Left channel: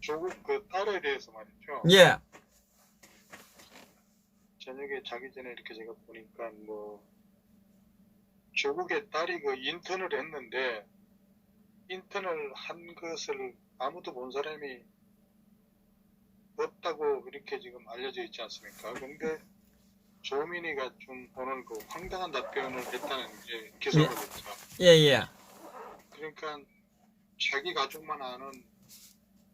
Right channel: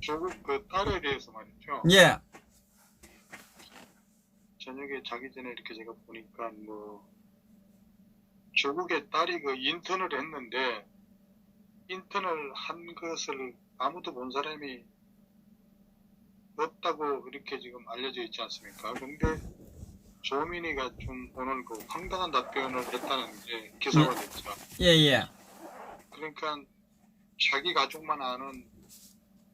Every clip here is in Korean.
조국 그 딸에 대해서 말이죠. 예. 저녁에 자기 전에 이렇게 제가 보니까 뭐 조국의 딸이 그 인턴을 했는데 인턴을 한 것을 아무도 본 사람이 없다고 이렇게 지금 알려져 있지 않습니까? 근데 조민이가 좀 오늘 그 황당한 답변을 했다는 게 기사가 됐죠. 예, 예. 그러니까 자기 가족만 아는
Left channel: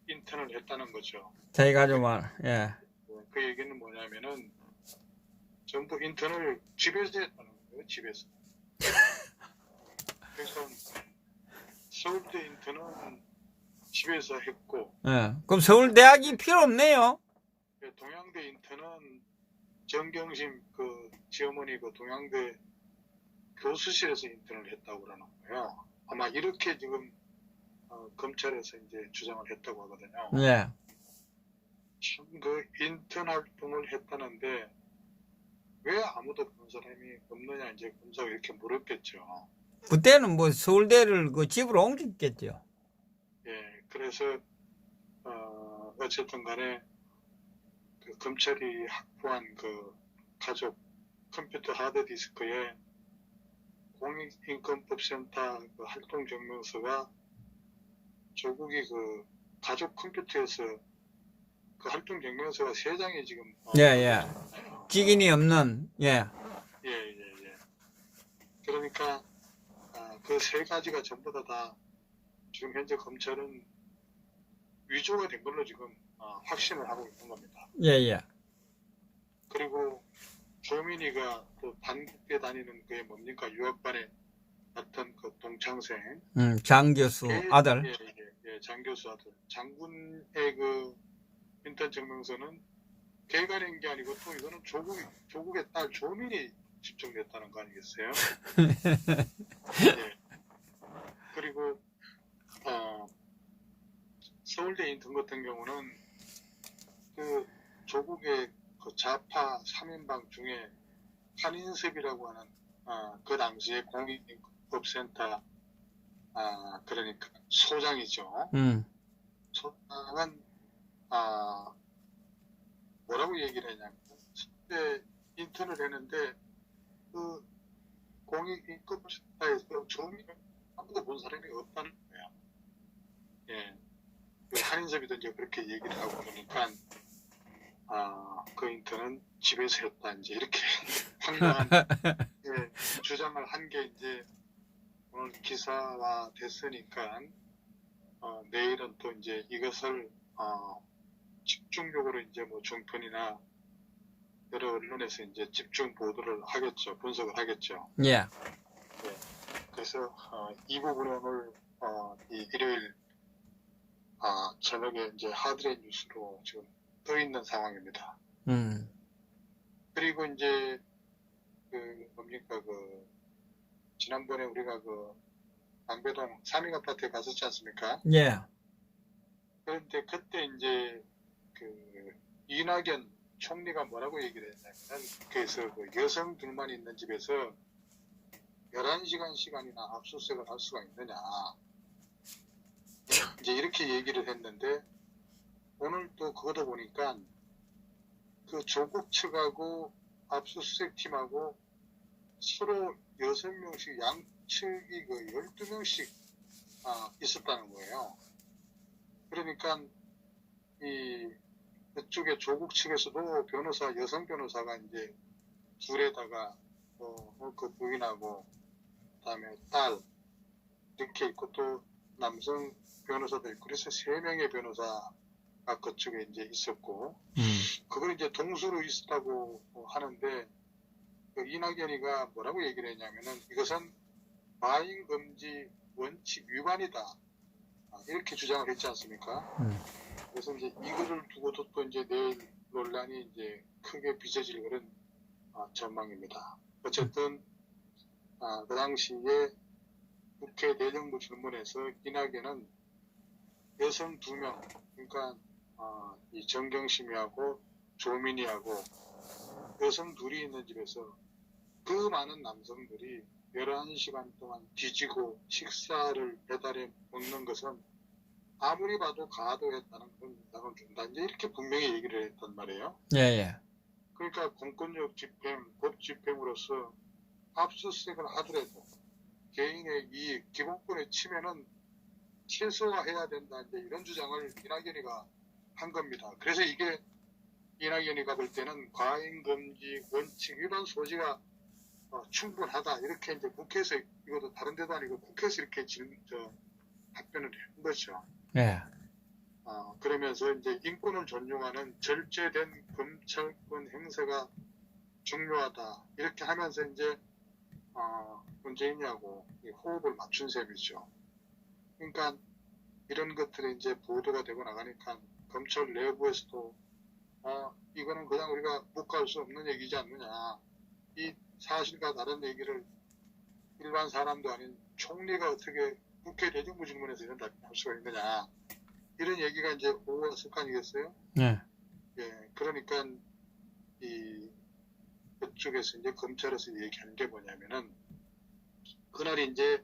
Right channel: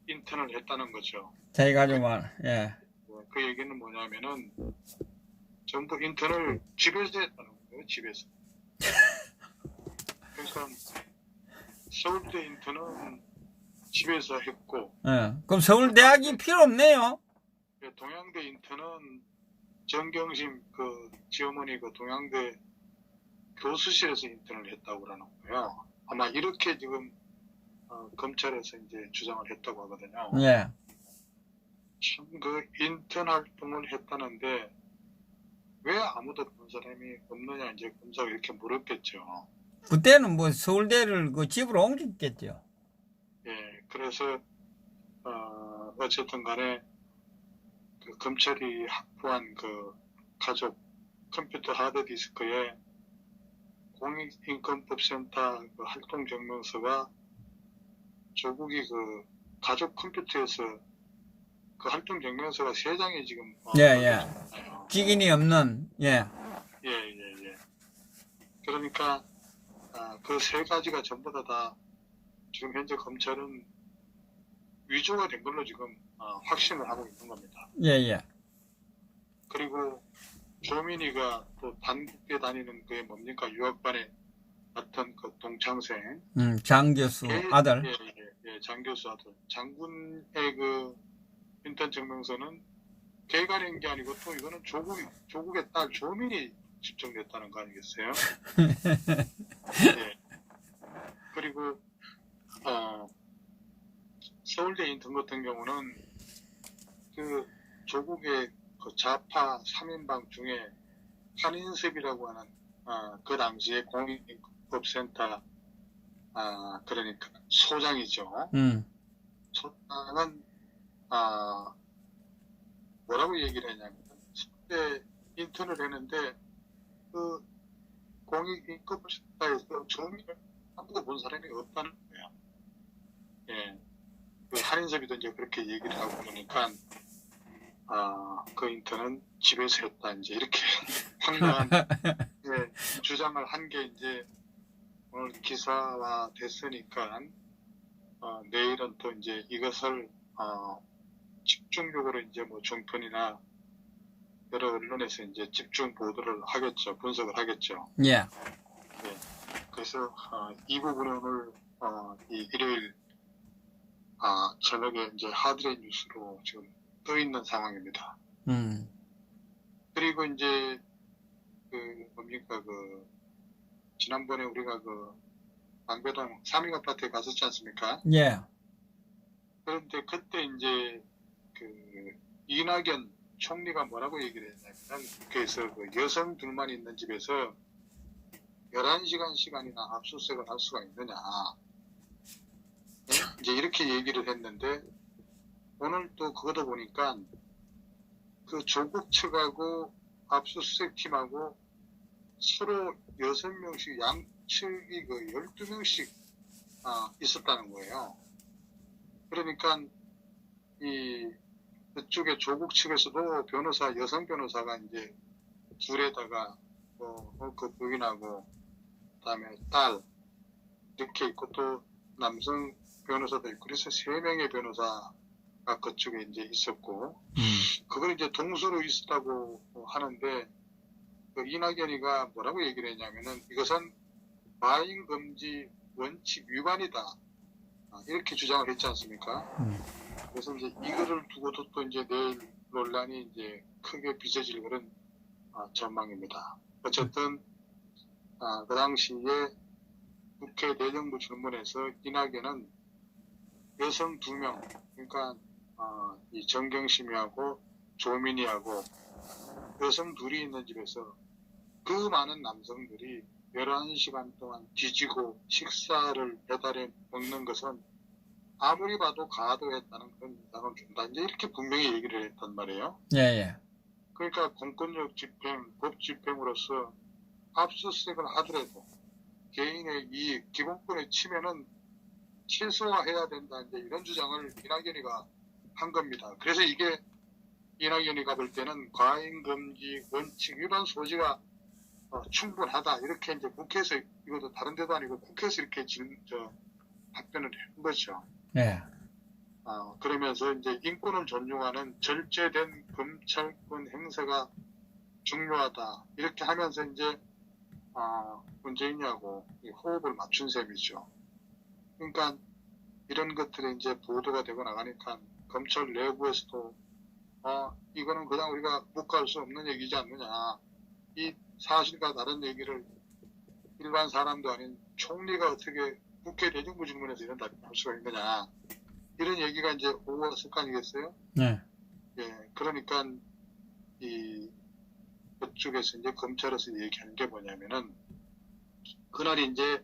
인턴을 했다는 거죠. 자기 가족만, 예. 그 얘기는 뭐냐면은 전부 인턴을 집에서 했다는 거예요. 집에서. 그러니까 서울대 인턴은 집에서 했고 예. 그럼 서울대학이 필요 없네요. 동양대 인턴은 정경심 그 지어머니 그 동양대 교수실에서 인턴을 했다고 그러는 거예요. 아마 이렇게 지금 검찰에서 이제 주장을 했다고 하거든요. 예. 참 그 인턴 활동을 했다는데 왜 아무도 본 사람이 없느냐 이제 검사가 이렇게 물었겠죠. 그때는 뭐 서울대를 그 집으로 옮겼겠죠. 예, 그래서 어쨌든 간에 그 검찰이 확보한 그 가족 컴퓨터 하드디스크에 공익인권법센터 그 활동 증명서가 조국이 그 가족 컴퓨터에서 그 활동 증명서가 3장이 지금 예, 예. 직인이 없는, 예. 예. 그러니까 그 3가지가 전부 다 지금 현재 검찰은 위조가 된 걸로 지금 확신을 하고 있는 겁니다. 예, 예. 그리고 조민이가 또 단국에 다니는 그게 뭡니까? 유학반에 같은 그 동창생. 장 교수 아들. 예, 장 교수 아들. 장군의 그 인턴 증명서는 걔가 낸 게 아니고 또 이거는 조국의 딸 조민이 집정됐다는 거 아니겠어요? 예. 그리고 서울대 인턴 같은 경우는 그 조국의 그 좌파 3인방 중에 한인섭이라고 하는 그 당시에 공익법센터 그러니까 소장이죠. 소장은 뭐라고 얘기를 했냐면 그때 인턴을 했는데 그 공익법센터에서 조민을 아무도 본 사람이 없다는 거예요. 예. 그 한인섭이도 이제 그렇게 얘기를 하고 그러니까 그 인턴은 집에서 했다 이제 이렇게 황당한 주장을 한 게 이제 오늘 기사화 됐으니까 내일은 또 이제 이것을 집중적으로 이제 뭐 종편이나 여러 언론에서 이제 집중 보도를 하겠죠, 분석을 하겠죠. 예. 그래서 이 부분은 오늘 이 일요일 저녁에 이제 하드레인 뉴스로 지금 떠 있는 상황입니다. 그리고 이제 그 뭡니까 그 지난번에 우리가 그 망배동 삼인 아파트에 갔었지 않습니까? 예. 그런데 그때 이제 그 이낙연 총리가 뭐라고 얘기를 했냐면 그래서 그 여성 둘만 있는 집에서 11시간 시간이나 압수수색을 할 수가 있느냐 이제 이렇게 얘기를 했는데 오늘 또 그것도 보니까 그 조국 측하고 압수수색 팀하고 서로 6명씩 양측이 그 12명씩 있었다는 거예요. 그러니까 그쪽에 조국 측에서도 변호사 여성 변호사가 이제 둘에다가 그 부인하고 그다음에 딸 이렇게 있고 또 남성 변호사도 있고 그래서 3명의 변호사가 그쪽에 이제 있었고 그걸 이제 동수로 있었다고 하는데 그 이낙연이가 뭐라고 얘기를 했냐면은 이것은 마인 금지 원칙 위반이다 이렇게 주장을 했지 않습니까? 그래서 이제 이거를 두고도 또 이제 내일 논란이 이제 크게 빚어질 그런 전망입니다. 어쨌든 그 당시에 국회 내정부 질문에서 이낙연은 여성 2명 그러니까 이 정경심이하고 조민이하고 여성 둘이 있는 집에서 그 많은 남성들이 11시간 동안 뒤지고 식사를 배달해 먹는 것은 아무리 봐도 가도했다는 그런 인상을 준다. 이제 이렇게 분명히 얘기를 했단 말이에요. 예, 예. 그러니까 공권력 집행, 법 집행으로서 압수수색을 하더라도 개인의 이익, 기본권의 침해는 최소화해야 된다. 이제 이런 주장을 이낙연이가 한 겁니다. 그래서 이게 이낙연이가 볼 때는 과잉금지 원칙 위반 소지가 충분하다. 이렇게 이제 국회에서, 이것도 다른 데도 아니고 국회에서 이렇게 답변을 한 거죠. 예. 그러면서 이제 인권을 존중하는 절제된 검찰권 행사가 중요하다. 이렇게 하면서 이제 문재인이하고 호흡을 맞춘 셈이죠. 그러니까 이런 것들이 이제 보도가 되고 나가니까 검찰 내부에서도 이거는 그냥 우리가 묵과할 수 없는 얘기지 않느냐. 이 사실과 다른 얘기를 일반 사람도 아닌 총리가 어떻게 국회 대정부 질문에서 이런 답변을 할 수가 있느냐. 이런 얘기가 이제 오갔을 거 아니겠어요? 네. 예, 그러니까 그쪽에서 이제 검찰에서 얘기한 게 뭐냐면은 그날 이제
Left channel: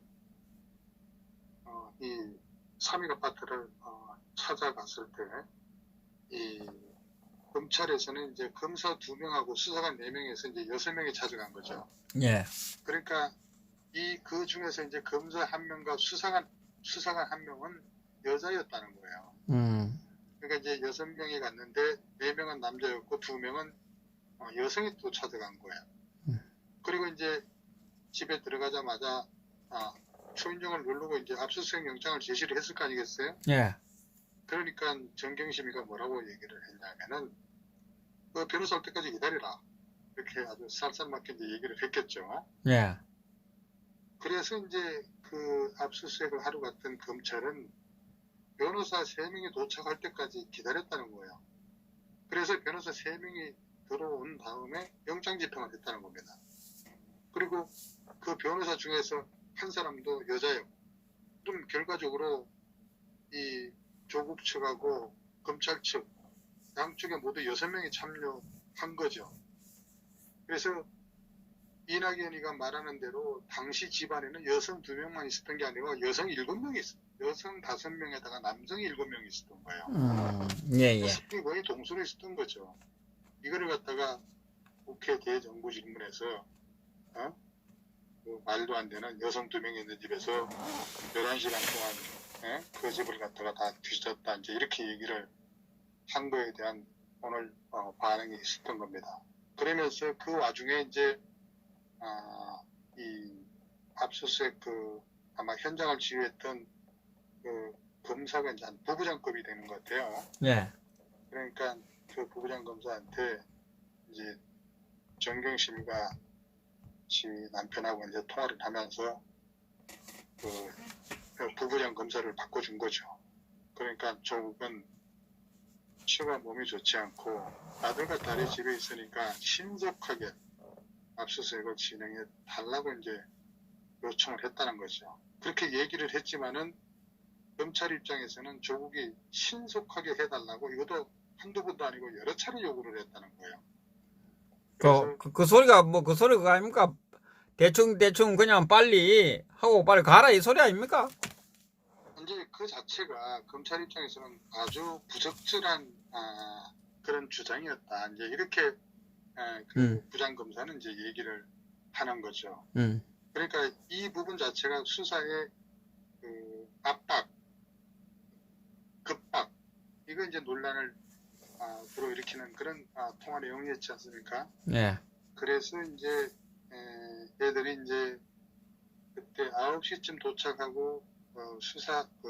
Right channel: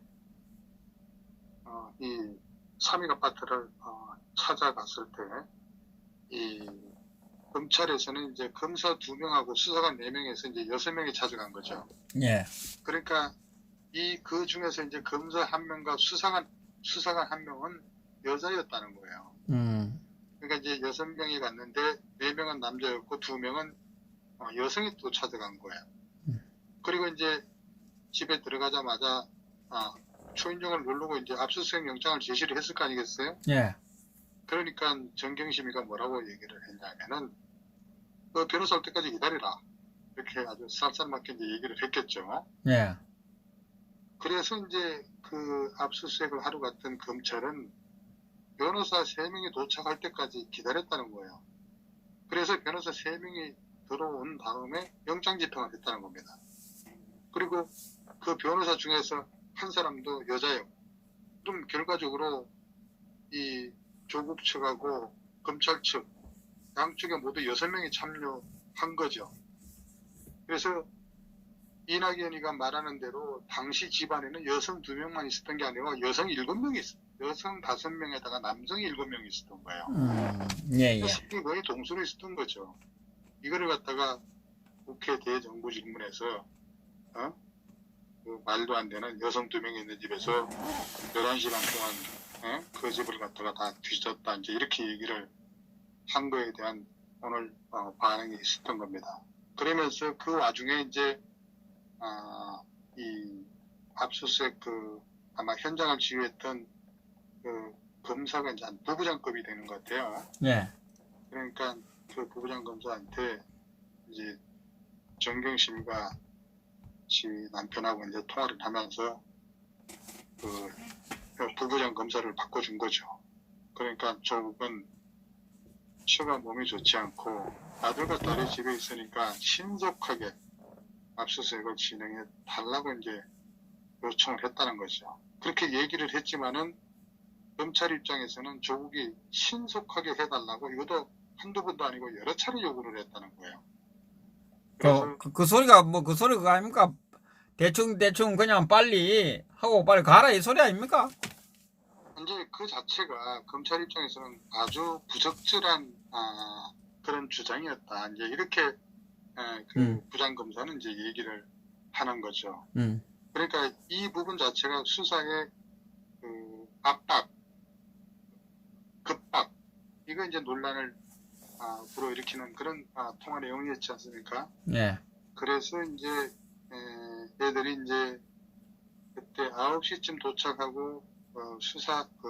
이 3일 아파트를 찾아갔을 때 이 검찰에서는 이제 검사 2명하고 수사관 4명에서 이제 6명이 찾아간 거죠. 예. 그러니까 그 중에서 이제 검사 1명과 수사관 1명은 여자였다는 거예요. 그러니까 이제 6명이 갔는데 4명은 남자였고 2명은 여성이 또 찾아간 거예요. 그리고 이제 집에 들어가자마자 초인종을 누르고 이제 압수수색 영장을 제시를 했을 거 아니겠어요? 예. 그러니까 정경심이가 뭐라고 얘기를 했냐면은 변호사 올 때까지 기다리라. 이렇게 아주 쌀쌀맞게 이제 얘기를 했겠죠. 예. 그래서 이제 그 압수수색을 하러 갔던 검찰은 변호사 3명이 도착할 때까지 기다렸다는 거예요. 그래서 변호사 3명이 들어온 다음에 영장 집행을 했다는 겁니다. 그리고 그 변호사 중에서 한 사람도 여자예요. 그럼 결과적으로 이 조국 측하고 검찰 측 양쪽에 모두 6명이 참여한 거죠. 그래서 이낙연이가 말하는 대로 당시 집안에는 여성 2명만 있었던 게 아니고 여성 7명이 있어요. 여성 5명에다가 남성 7명이 있었던 거예요. 예, 예. 스피 거의 동수로 있었던 거죠. 이거를 갖다가 국회 대정부 질문에서 그 말도 안 되는 여성 2명이 있는 집에서 11시간 동안 그 집을 갖다가 다 뒤졌다. 이제 이렇게 얘기를 한 거에 대한 오늘 반응이 있었던 겁니다. 그러면서 그 와중에 이제 이 압수수색 아마 현장을 지휘했던 그 검사가 이제 한 부부장급이 되는 것 같아요. 예. 그러니까 그 부부장 검사한테 이제 정경심이가 지 남편하고 이제 통화를 하면서 그 부부장 검사를 바꿔준 거죠. 그러니까 조국은 처가 몸이 좋지 않고 아들과 딸이 집에 있으니까 신속하게 압수수색을 진행해 달라고 이제 요청을 했다는 거죠. 그렇게 얘기를 했지만은 검찰 입장에서는 조국이 신속하게 해달라고 이것도 한두 번도 아니고 여러 차례 요구를 했다는 거예요. 그래서 그 소리가 그 소리 그거 아닙니까? 대충 그냥 빨리 하고 빨리 가라 이 소리 아닙니까? 이제 그 자체가 검찰 입장에서는 아주 부적절한 그런 주장이었다. 이제 이렇게 부장검사는 이제 얘기를 하는 거죠. 그러니까 이 부분 자체가 수사의 그 압박, 급박, 이거 이제 논란을 불어일으키는 그런 통화 내용이었지 않습니까? 예. 그래서 이제 애들이 이제 그때 9시쯤 도착하고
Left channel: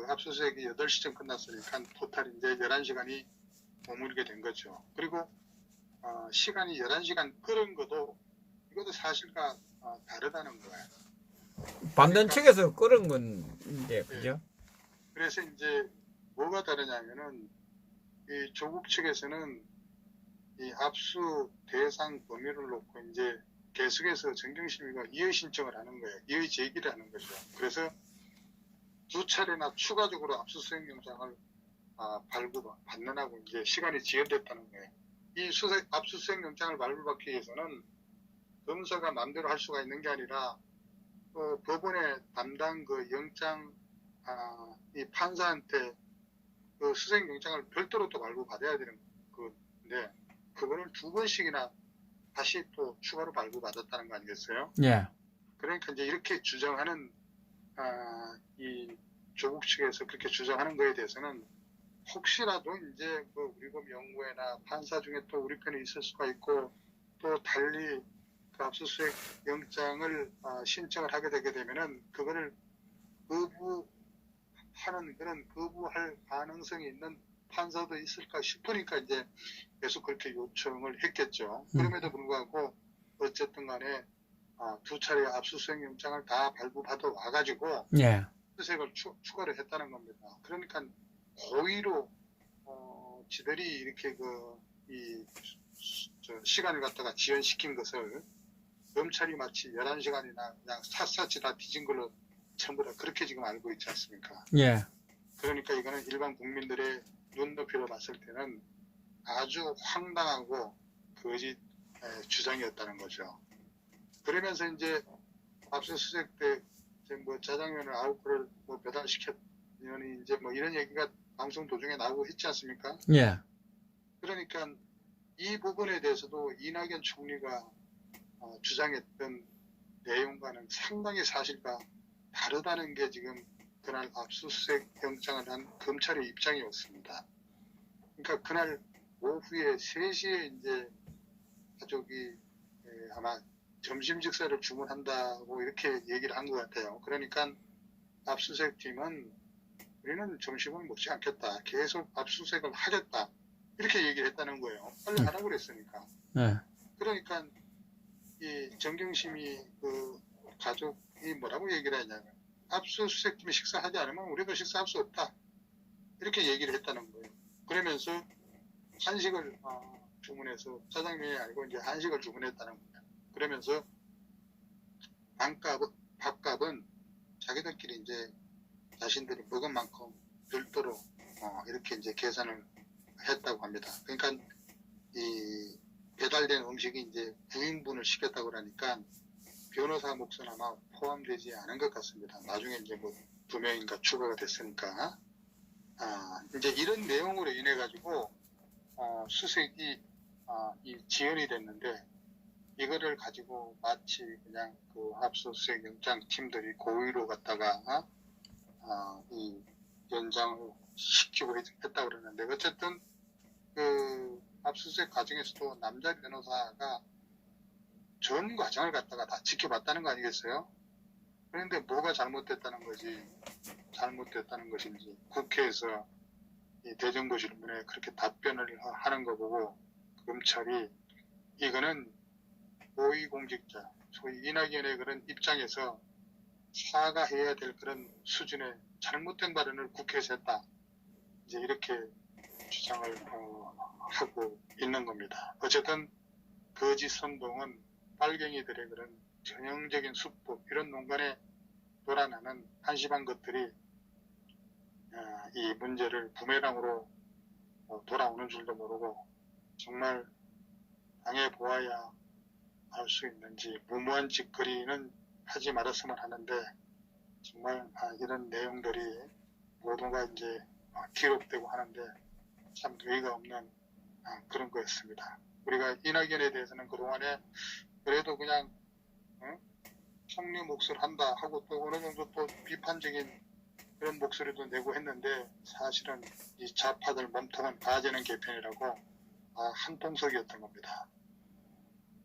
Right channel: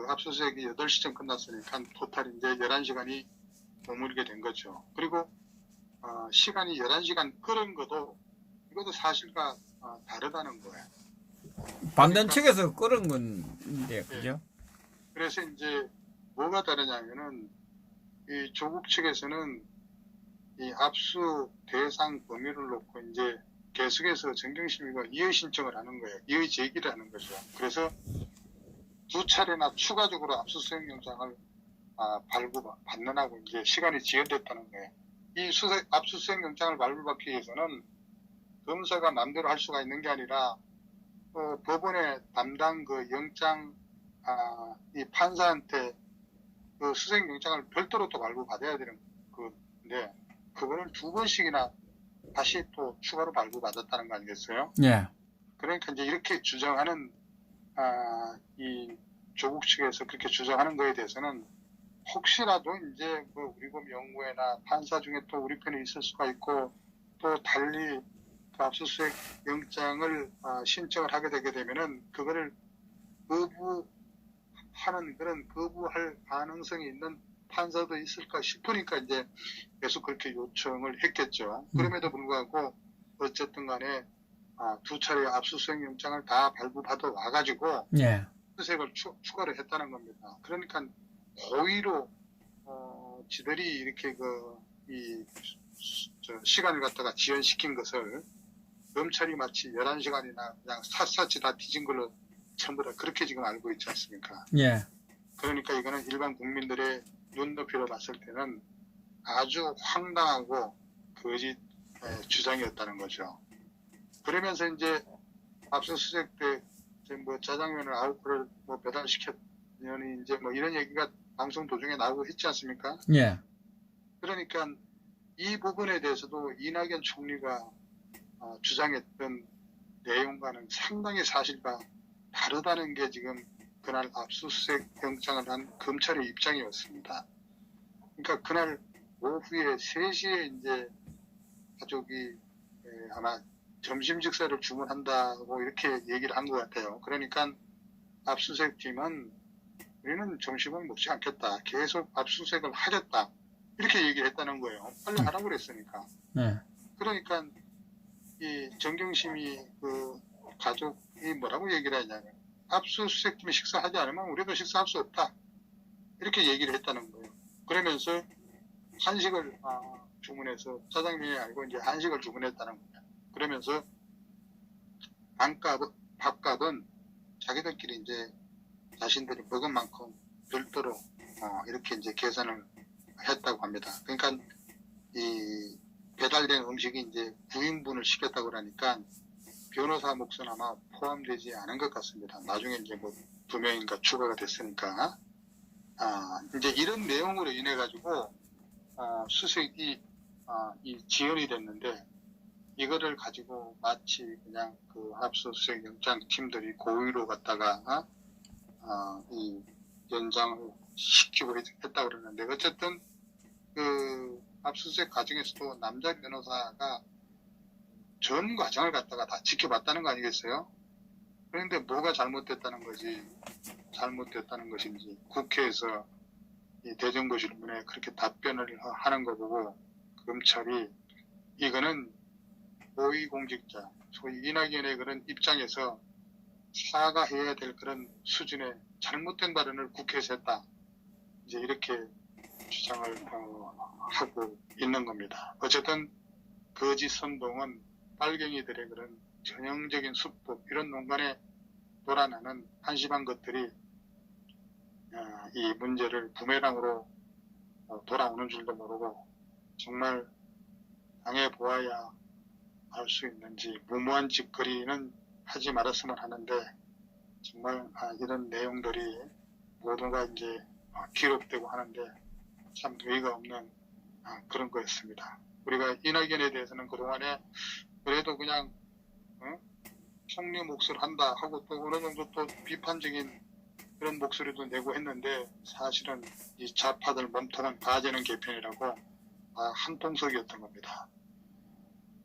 압수수색이 8시쯤 끝났으니까 토탈 이제 11시간이 머물게 된 거죠. 그리고 시간이 11시간 끓은 이것도 사실과 다르다는 거예요. 반대 측에서 끌은 건데, 그죠? 그래서 이제 뭐가 다르냐면은 이 조국 측에서는 이 압수 대상 범위를 놓고 이제 계속해서 정경심이가 이의 신청을 하는 거예요. 이의 제기를 하는 거죠. 그래서 2차례나 추가적으로 압수수색 영장을 발부받느라고 이제 시간이 지연됐다는 거예요. 이 압수수색 영장을 발부받기 위해서는 검사가 마음대로 할 수가 있는 게 아니라 법원의 담당 그 영장 이 판사한테 그 수색영장을 별도로 또 발부받아야 되는 건데 그거를 2번씩이나 다시 또 추가로 발부받았다는 거 아니겠어요? 예. 그러니까 이제 이렇게 주장하는 이 조국 측에서 그렇게 주장하는 거에 대해서는 혹시라도 이제 뭐 우리법 연구회나 판사 중에 또 우리 편에 있을 수가 있고 또 달리 그 압수수색 영장을 신청을 하게 되게 되면은 그거를 거부할 가능성이 있는 판사도 있을까 싶으니까 이제 계속 그렇게 요청을 했겠죠. 그럼에도 불구하고 어쨌든 간에 2차례 압수수색 영장을 다 발부받아 와가지고 예. 수색을 추가를 했다는 겁니다. 그러니까 고의로 지들이 이렇게 시간을 갖다가 지연시킨 것을 검찰이 마치 11시간이나 그냥 샅샅이 다 뒤진 걸로 전부 다 그렇게 지금 알고 있지 않습니까? 예. 그러니까 이거는 일반 국민들의 눈높이로 봤을 때는 아주 황당하고 거짓 주장이었다는 거죠. 그러면서 이제 압수수색 때 이제 뭐 짜장면을 9그릇 뭐 배달시켰느니 이제 뭐 이런 얘기가 방송 도중에 나오고 있지 않습니까? 예. 그러니까 이 부분에 대해서도 이낙연 총리가 주장했던 내용과는 상당히 사실과 다르다는 게 지금 그날 압수수색 영장을 한 검찰의 입장이었습니다. 그러니까 그날 오후에 3시에 이제 가족이 아마 점심 식사를 주문한다고 이렇게 얘기를 한 것 같아요. 그러니까 압수수색 팀은 우리는 점심을 먹지 않겠다. 계속 압수수색을 하겠다. 이렇게 얘기를 했다는 거예요. 빨리 하라고 그랬으니까. 예. 그러니까 이 정경심이 그 가족이 뭐라고 얘기를 했냐면 압수수색 팀이 식사하지 않으면 우리도 식사할 수 없다. 이렇게 얘기를 했다는 거예요. 그러면서 한식을 주문해서 짜장면이 아니고 이제 한식을 주문했다는 거예요. 그러면서 밥값은 자기들끼리 이제 자신들이 먹은 만큼 별도로 이렇게 이제 계산을 했다고 합니다. 그러니까 이 배달된 음식이 이제 9인분을 시켰다고 그러니까 변호사 몫은 아마 포함되지 않은 것 같습니다. 나중에 이제 뭐 2명인가 추가가 됐으니까 이제 이런 내용으로 인해 가지고 수색이 이 지연이 됐는데 이거를 가지고 마치 그냥 그 압수수색 영장 팀들이 고의로 갖다가 이 연장을 시키고 했다 그러는데 어쨌든 그 압수수색 과정에서도 남자 변호사가 전 과정을 갖다가 다 지켜봤다는 거 아니겠어요? 그런데 뭐가 잘못됐다는 것인지 국회에서 이 대정부 질문에 그렇게 답변을 하는 거 보고 검찰이 이거는 고위공직자 소위 이낙연의 그런 입장에서 사과해야 될 그런 수준의 잘못된 발언을 국회에서 했다. 이제 이렇게 주장을 하고 있는 겁니다. 어쨌든 거짓 선동은 빨갱이들의 그런 전형적인 수법 이런 농간에 돌아나는 한심한 것들이 이 문제를 부메랑으로 돌아오는 줄도 모르고 정말 당해보아야 알 수 있는지 무모한 짓거리는 하지 말았으면 하는데 정말 이런 내용들이 모두가 이제 기록되고 하는데 참 의의가 없는 그런 거였습니다. 우리가 이낙연에 대해서는 그동안에 그래도 그냥 총리 몫을 한다 하고 또 어느 정도 또 비판적인 그런 목소리도 내고 했는데 사실은 이 좌파들 몸통은 가재는 개편이라고 한통속이었던 겁니다.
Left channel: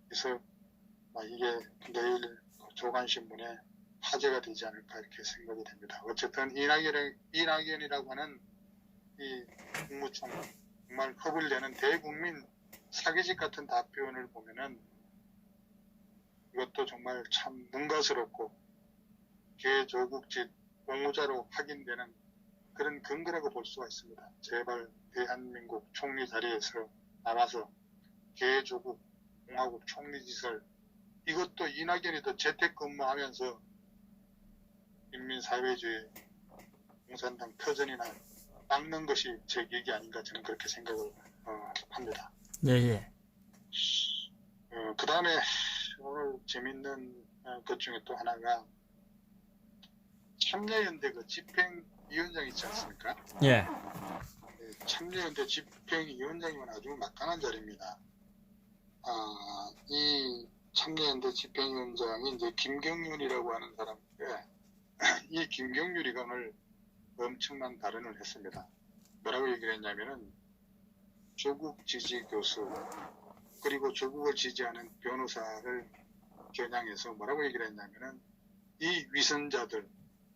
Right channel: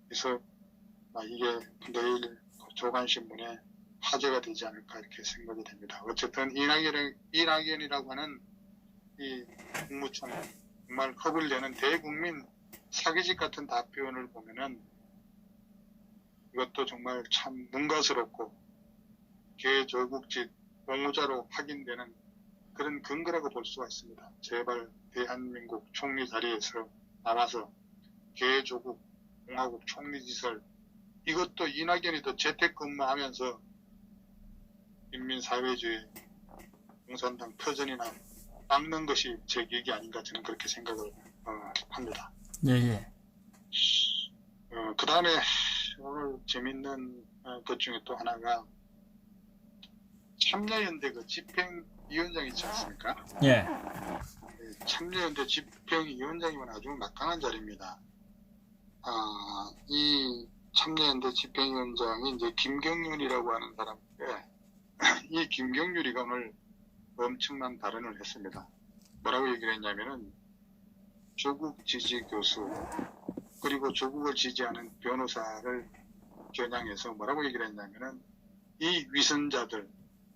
그래서 이게 내일 조간신문에 화제가 되지 않을까 이렇게 생각이 됩니다. 어쨌든 이낙연이라고 하는 이 국무총 정말 겁을 내는 대국민 사기직 같은 답변을 보면은 이것도 정말 참 문가스럽고 개조국짓 공모자로 확인되는 그런 근거라고 볼 수가 있습니다. 제발 대한민국 총리 자리에서 나와서 개조국 공화국 총리 짓을 이것도 이낙연이도 재택근무하면서 인민사회주의 공산당 터전이나 닦는 것이 제 얘기 아닌가 저는 그렇게 생각을 합니다. 네. 그 다음에 오늘 재밌는 것 중에 또 하나가 참여연대 그 집행위원장 있지 않습니까? 예. 참여연대 집행위원장이면 아주 막강한 자리입니다. 이 참여연대 집행위원장이 이제 김경률이라고 하는 사람인데, 이 김경률이가 오늘 엄청난 발언을 했습니다. 뭐라고 얘기를 했냐면은, 조국 지지 교수, 그리고 조국을 지지하는 변호사를 겨냥해서 뭐라고 얘기를 했냐면은, 이 위선자들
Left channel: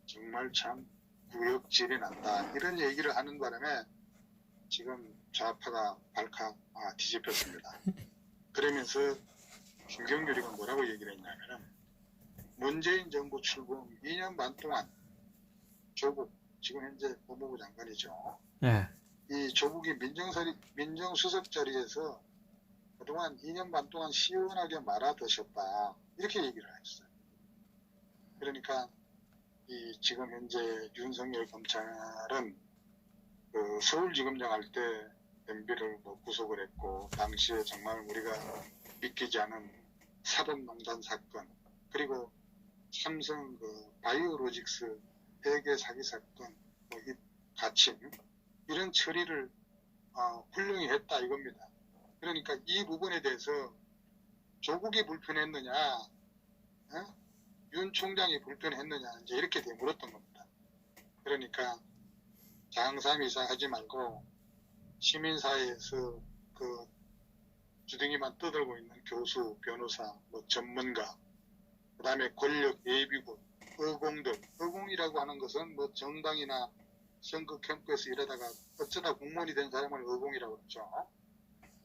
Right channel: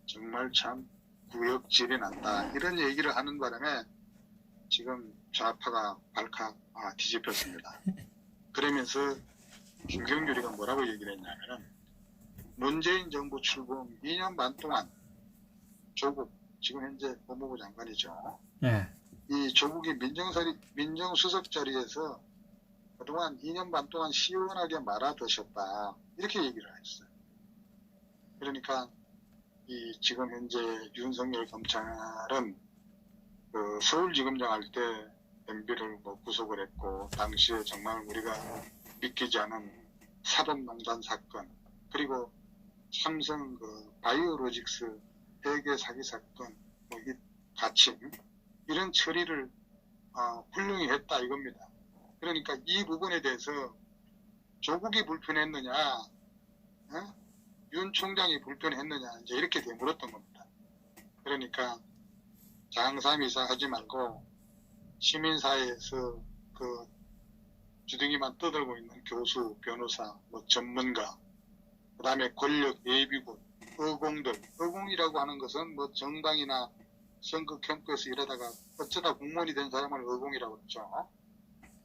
정말 참 구역질이 난다, 이런 얘기를 하는 바람에 지금 좌파가 발칵 뒤집혔습니다. 그러면서 김경률이가 뭐라고 얘기를 했냐면은, 문재인 정부 출범 2년 반 동안 조국, 지금 현재 법무부 장관이죠. 예. 이 조국이 민정수석 자리에서 그동안 2년 반 동안 시원하게 말아드셨다, 이렇게 얘기를 했어요. 그러니까 이 지금 현재 윤석열 검찰은 그 서울지검장 할 때 MB를 뭐 구속을 했고, 당시에 정말 우리가 믿기지 않은 사법농단 사건, 그리고 삼성 그 바이오로직스 회계 사기 사건, 뭐 이 가침, 이런 처리를 훌륭히 했다, 이겁니다. 그러니까 이 부분에 대해서 조국이 불편했느냐, 윤 총장이 불편했느냐, 이제 이렇게 되물었던 겁니다. 그러니까 장삼이사 하지 말고 시민사회에서 그 주둥이만 떠들고 있는 교수, 변호사, 뭐 전문가, 그 다음에 권력, 예비군, 의공이라고 하는 것은 뭐 정당이나 선거 캠프에서 일하다가 어쩌다 공무원이 된 사람을 의공이라고 그러죠.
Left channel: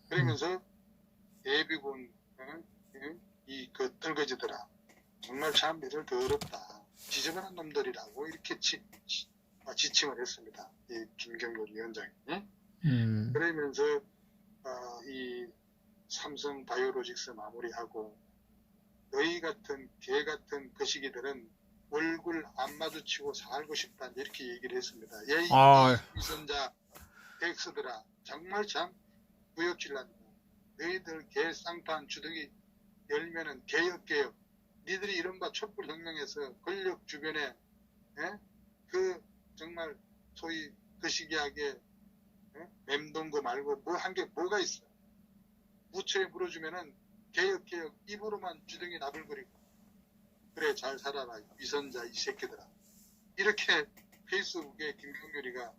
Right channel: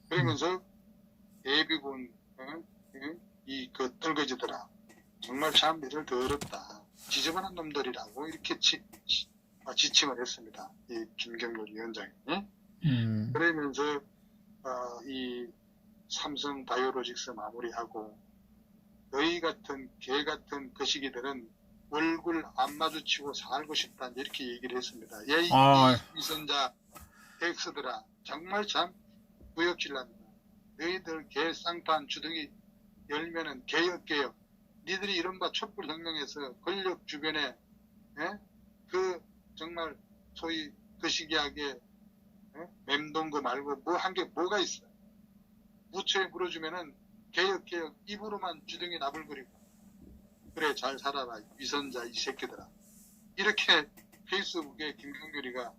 그러면서 예비군, 이 그 떨거지더라, 정말 참 믿을 더럽다, 지저분한 놈들이라고 이렇게 지칭을 했습니다. 이 김경률 위원장이. 그러면서 이 삼성 바이오로직스 마무리하고, 너희 같은 개 같은 거시기들은 얼굴 안 마주치고 살고 싶다, 이렇게 얘기를 했습니다. 이 위선자 엑스들아, 정말 참 구역질 난다. 너희들 개 쌍판 주둥이 열면은 개혁, 니들이 이른바 촛불혁명에서 권력 주변에 그 정말 소위 거시기하게 맴돈 거 말고 뭐 한 게 뭐가 있어. 부처에 물어주면은 개혁 입으로만 주둥이 나불거리고, 그래 잘 살아라 위선자 이 새끼들아, 이렇게 페이스북에 김경률이가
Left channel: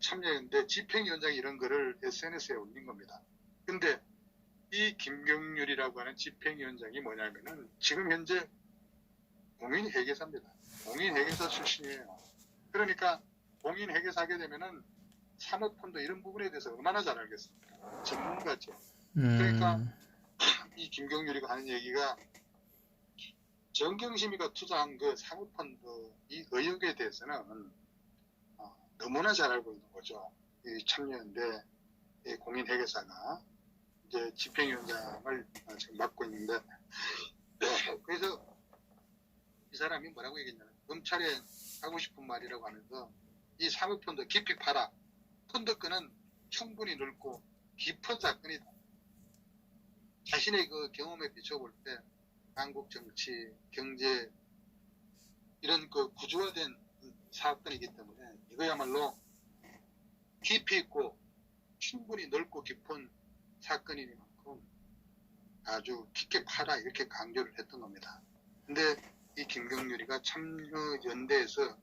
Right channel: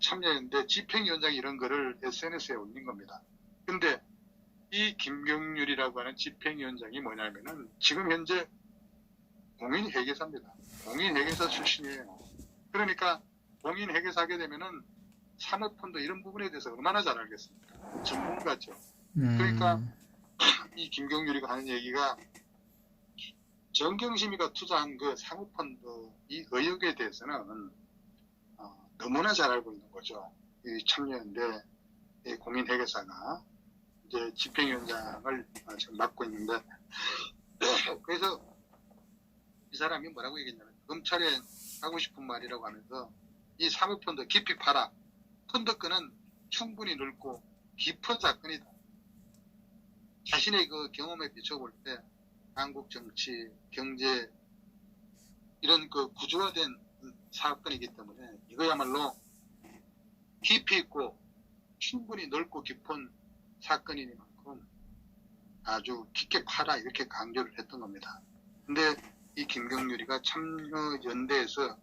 참여했는데, 집행위원장이 이런 거를 SNS에 올린 겁니다. 근데 이 김경률이라고 하는 집행위원장이 뭐냐면은 지금 현재 공인회계사입니다. 공인회계사 출신이에요. 그러니까 공인회계사 하게 되면은 사모펀드 이런 부분에 대해서 얼마나 잘 알겠습니까? 전문가죠. 그러니까 이 김경률이가 하는 얘기가, 정경심이가 투자한 그 사모펀드 이 의혹에 대해서는 너무나 잘 알고 있는 거죠. 이 참여연대 이 공인회계사가 이제 집행위원장을 지금 맡고 있는데, 그래서 이 사람이 뭐라고 얘기했냐면, 검찰에 하고 싶은 말이라고 하면서, 이 사모펀드 깊이 팔아, 펀드권은 충분히 넓고 깊은 사건이다. 자신의 그 경험에 비춰볼 때 한국 정치, 경제 이런 그 구조화된 사건이기 때문에 이거야말로 깊이 있고 충분히 넓고 깊은 사건이니만큼 아주 깊게 파라, 이렇게 강조를 했던 겁니다. 근데 이 김경률이가 참여연대에서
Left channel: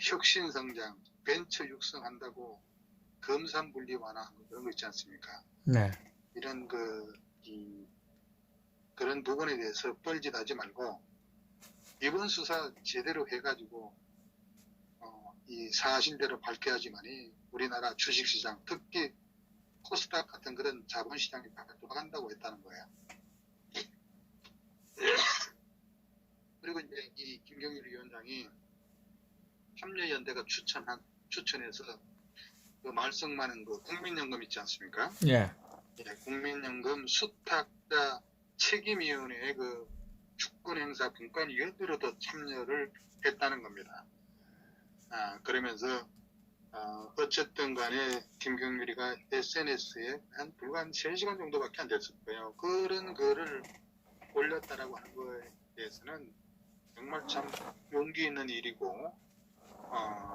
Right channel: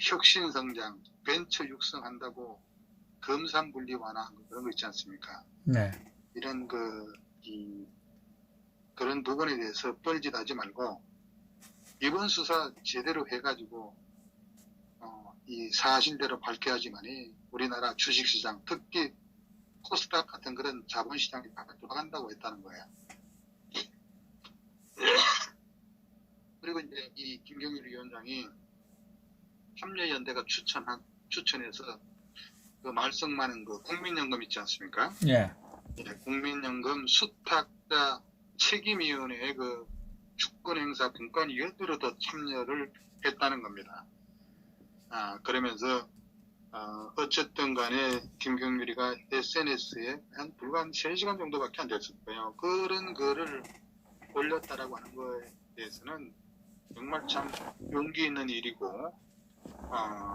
혁신성장, 벤처 육성한다고 검산분리 완화한 거, 그런 거 있지 않습니까? 네. 이런 그런 부분에 대해서 뻘짓하지 말고 이번 수사 제대로 해가지고 이 사실대로 밝혀야지만이 우리나라 주식시장, 특히 코스닥 같은 그런 자본시장이 다 돌아간다고 했다는 거예요. 그리고 이제 이 김경률 위원장이 참여연대가 추천해서 그 말썽 많은 그 국민연금 있지 않습니까? 예. 국민연금 수탁자 책임위원회의 그 주권행사 분권위원으로도 참여를 했다는 겁니다. 그러면서 어쨌든 간에 김경률이가 SNS에 불과 한 3시간 정도밖에 안 됐을 거예요. 그런 거를 올렸다라고 하는 거에 대해서는 정말 참 용기 있는 일이고,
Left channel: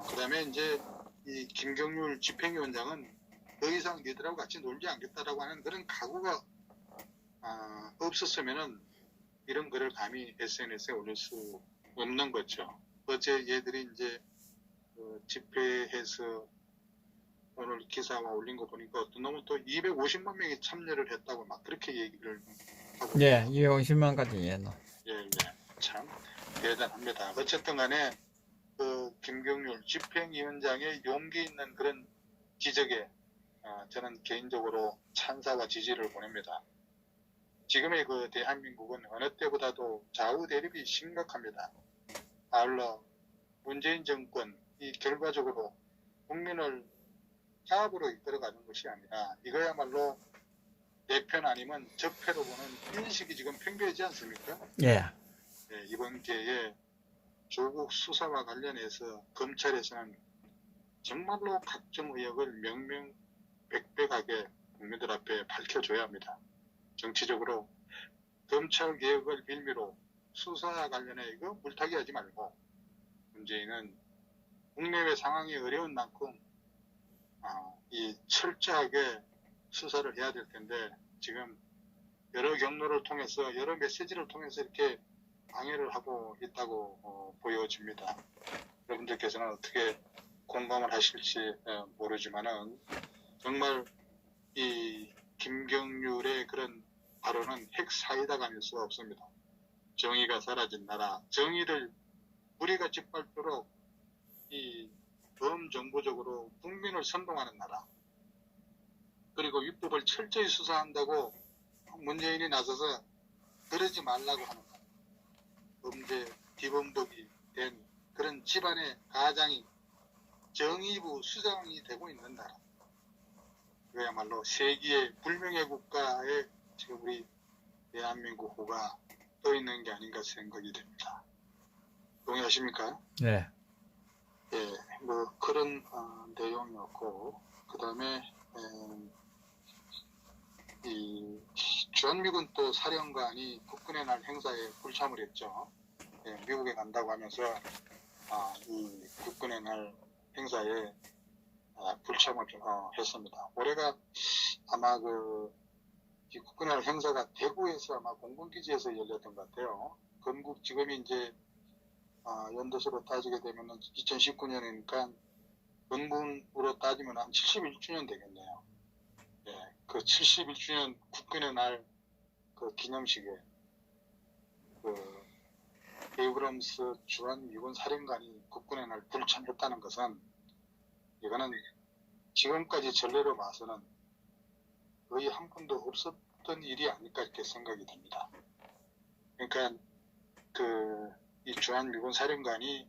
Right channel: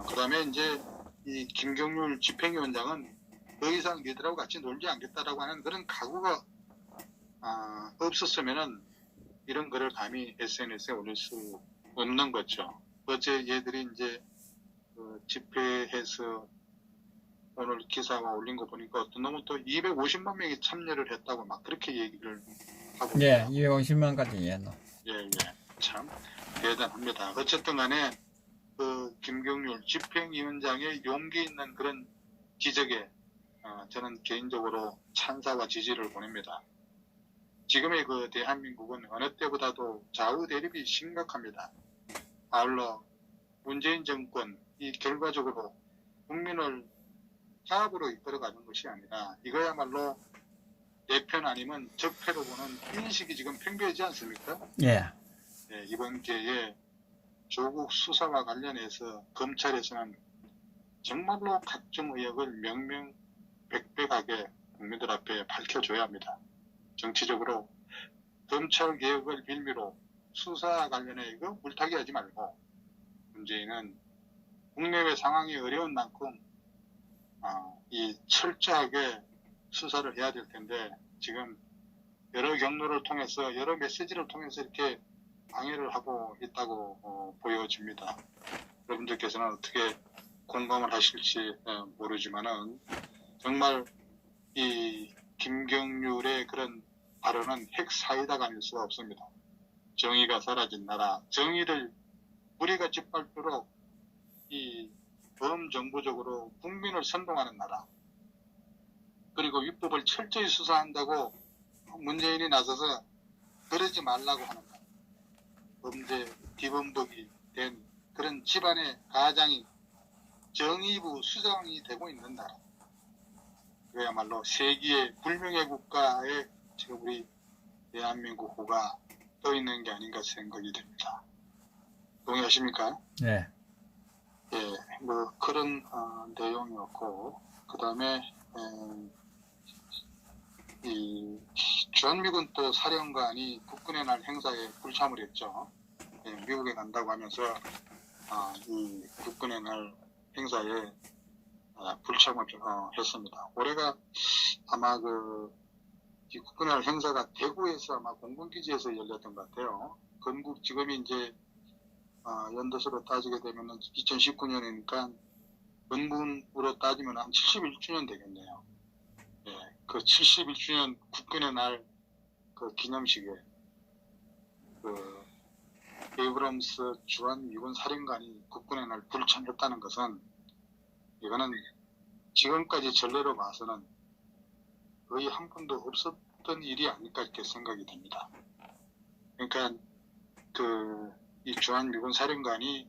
그 다음에 이제 이 김경률 집행위원장은 더 이상 니들하고 같이 놀지 않겠다라고 하는 그런 각오가 없었으면은 이런 글을 감히 SNS에 올릴 수 없는 거죠. 어제 얘들이 이제 집회해서 오늘 기사가 올린 거 보니까 어떤 놈은 또 250만 명이 참여를 했다고 막 그렇게 얘기를 하고 예, 있어요. 250만까지 예. 예, 참 대단합니다. 어쨌든 간에 그 김경률 집행위원장의 용기 있는 그런 기적에 저는 개인적으로 찬사와 지지를 보냅니다. 지금의 그 대한민국은 어느 때보다도 좌우 대립이 심각합니다. 아울러 문재인 정권 이 결과적으로 국민을 파업으로 이끌어가는 것이 아니라 이거야말로 내 편 아니면 적폐로 보는 인식이 지금 팽배하지 않습니까? 예. 네, 이번 기회에 조국 수사와 관련해서 검찰에서는 정말로 각종 의혹을 명명백백하게 국민들 앞에 밝혀줘야 합니다. 정치적으로 검찰 개혁을 빌미로 수사와 관련해 이거 물타기 하지 말고 문재인은 국내외 상황이 어려운 만큼 이 철저하게 수사를 해야 될 텐데 지금 여러 경로를 통해서 여러 메시지를 통해서 이렇게 방해를 하고 있다고 보여집니다. 여러분들께서는 어떻게 공감을 하실지 모르지만은 정말 이 김경률의 그런 발언은 핵사이다가 아닐 수가 없습니다. 정의가 사라진 나라, 정의를 우리가 짓밟도록 이 범정부적으로 국민을 선동하는 나라, 그리고 위법을 철저히 수사한다고 문재인이 나서서 그러지 말라고 하는 것, 범죄 기본법이 된 그런 집안의 가장이 정의부 수장이 되고 있는 나라, 그야말로 세기의 불명예 국가에 지금 우리 대한민국 호가 떠 있는 게 아닌가 생각이 됩니다. 동의하십니까? 네. 예, 뭐 그런 내용이었고, 그 다음에 이 주한미군 또 사령관이 국군의 날 행사에 불참을 했죠. 예, 미국에 간다고 하면서 이 국군의 날 행사에 불참을 했습니다. 올해가 아마 이 국군의 날 행사가 대구에서 아마 공군기지에서 열렸던 것 같아요. 건국 지금이 이제 연도수로 따지게 되면 2019년이니까 건군으로 따지면 한 71주년 되겠네요. 예, 그 71주년 국군의 날 그 기념식에 에이브럼스 주한미군 사령관이 국군의 날 불참했다는 것은 이거는 지금까지 전례로 봐서는 거의 한 번도 없었던 일이 아닐까 이렇게 생각이 됩니다. 그러니까 이 주한미군 사령관이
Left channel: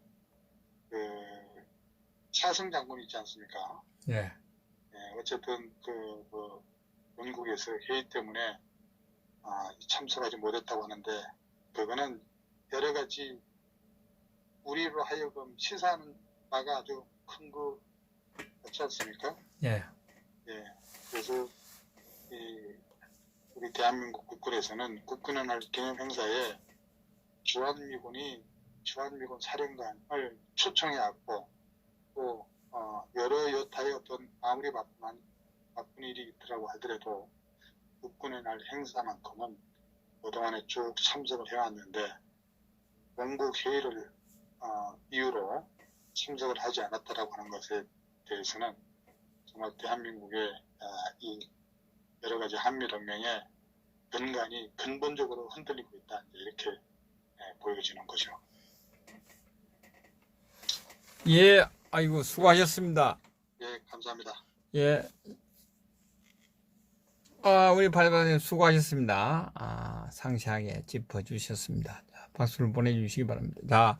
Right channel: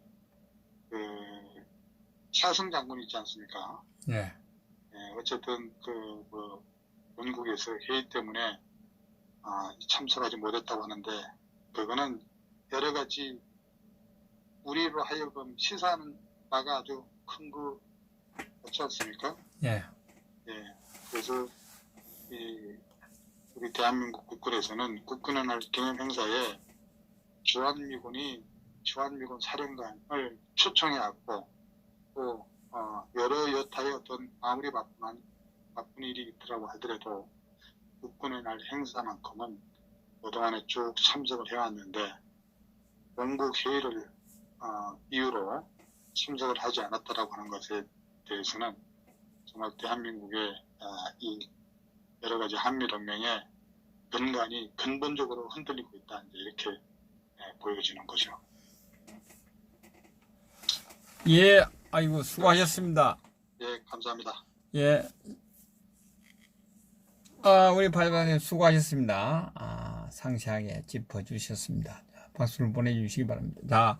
차승 장군 있지 않습니까? 예. 예, 어쨌든 원국에서 회의 때문에 참석하지 못했다고 하는데 그거는 여러 가지 우리로 하여금 시사하는 바가 아주 큰 거 같지 않습니까? 예. 예, 그래서 우리 대한민국 국군에서는 국군의 날 기념 행사에 주한미군 사령관을 초청해 왔고 또 여러 여타의 어떤 아무리 바쁜 일이 있더라고 하더라도 국군의 날 행사만큼은 그동안에 쭉 참석을 해왔는데 원국 회의를 이유로 참석을 하지 않았다라고 하는 것에 대해서는 정말 대한민국의 이 여러 가지 한미동맹의 근간이 근본적으로 흔들리고 있다 이렇게 보여지는 거죠. 예, 아이고, 수고하셨습니다. 예, 감사합니다. 예. 우리 발간님 수고하셨습니다. 상세하게 짚어주셨습니다. 박수를 보내주시기 바랍니다. 자,